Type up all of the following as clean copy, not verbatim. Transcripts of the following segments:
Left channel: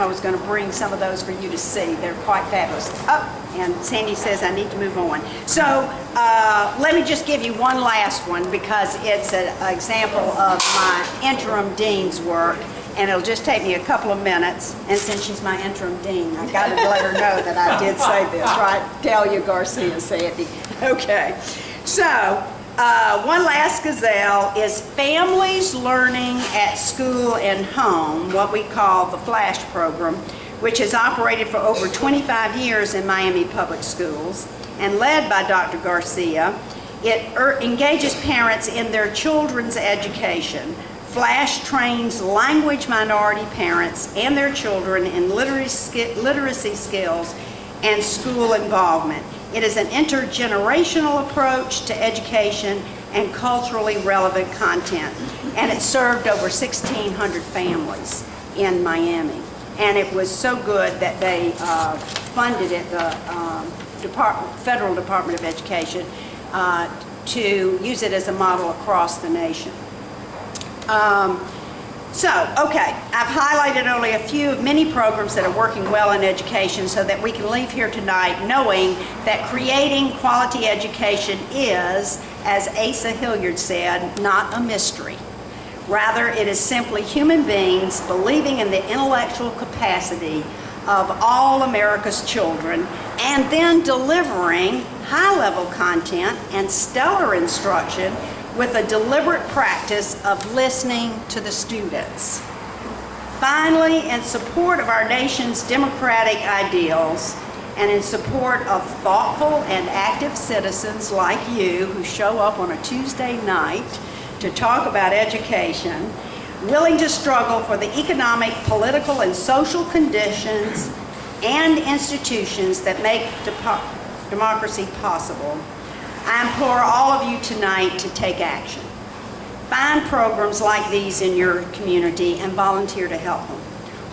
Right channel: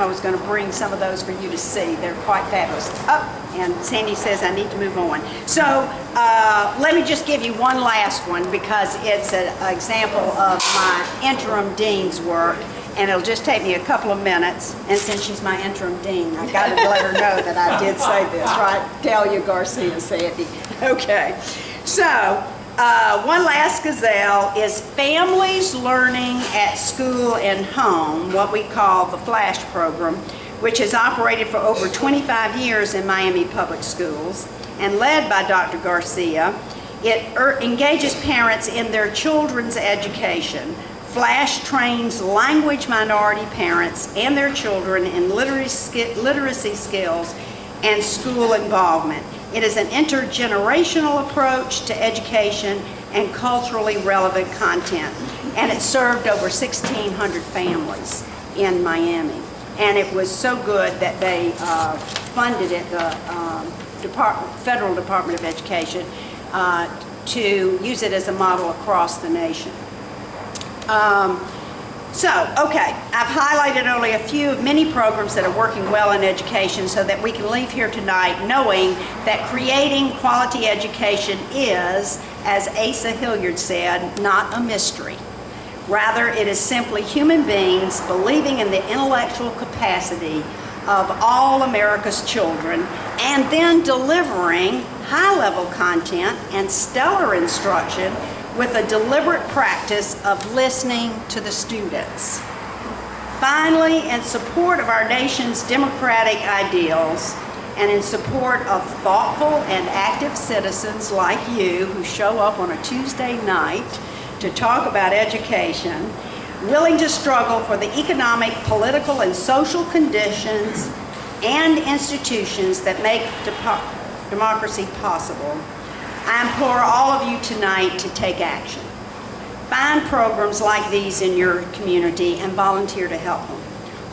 I was going to bring some of those for you to see. They're quite fabulous. Oh, and Sandy says I need to move on. So let me just give you one last one because it's an example of my interim dean's work, and it'll just take me a couple of minutes. And since she's my interim dean, I got to let her know that I did say this, right? Delia Garcia Sandy. Okay. So one last gazelle is families learning at school and home, what we call the FLASH program, which has operated for over 25 years in Miami public schools and led by Dr. Garcia. It engages parents in their children's education. FLASH trains language minority parents and their children in literacy skills and school involvement. It is an intergenerational approach to education and culturally relevant content. And it served over 1,600 families in Miami. And it was so good that they funded it, the Federal Department of Education, to use it as a model across the nation. Okay, I've highlighted only a few of many programs that are working well in education so that we can leave here tonight knowing that creating quality education is, as Asa Hilliard said, not a mystery. Rather, it is simply human beings believing in the intellectual capacity of all America's children and then delivering high-level content and stellar instruction with a deliberate practice of listening to the students. Finally, in support of our nation's democratic ideals and in support of thoughtful and active citizens like you who show up on a Tuesday night to talk about education, willing to struggle for the economic, political, and social conditions and institutions that make democracy possible, I implore all of you tonight to take action. Find programs like these in your community and volunteer to help them,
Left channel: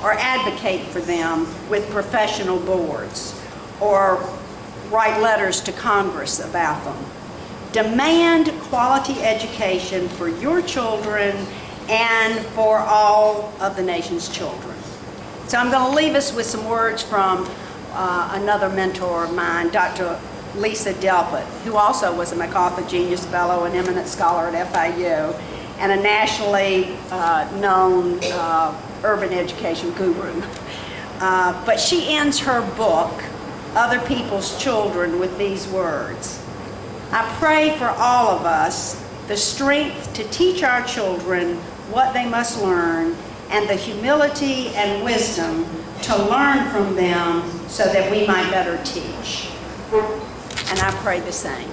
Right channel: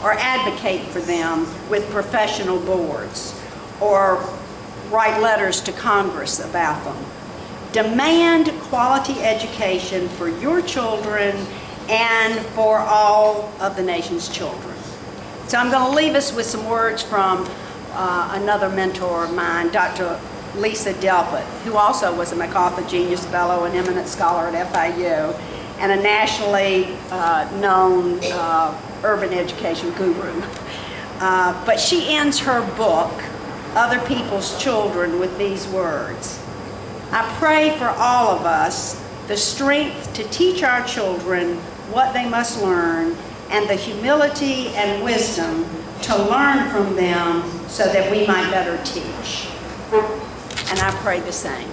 or advocate for them with professional boards, or write letters to Congress about them. Demand quality education for your children and for all of the nation's children. So I'm going to leave us with some words from another mentor of mine, Dr. Lisa Delpit, who also was a MacArthur Genius Fellow, an eminent scholar at FIU, and a nationally known urban education guru. But she ends her book, Other People's Children, with these words: I pray for all of us the strength to teach our children what they must learn and the humility and wisdom to learn from them so that we might better teach. And I pray the same.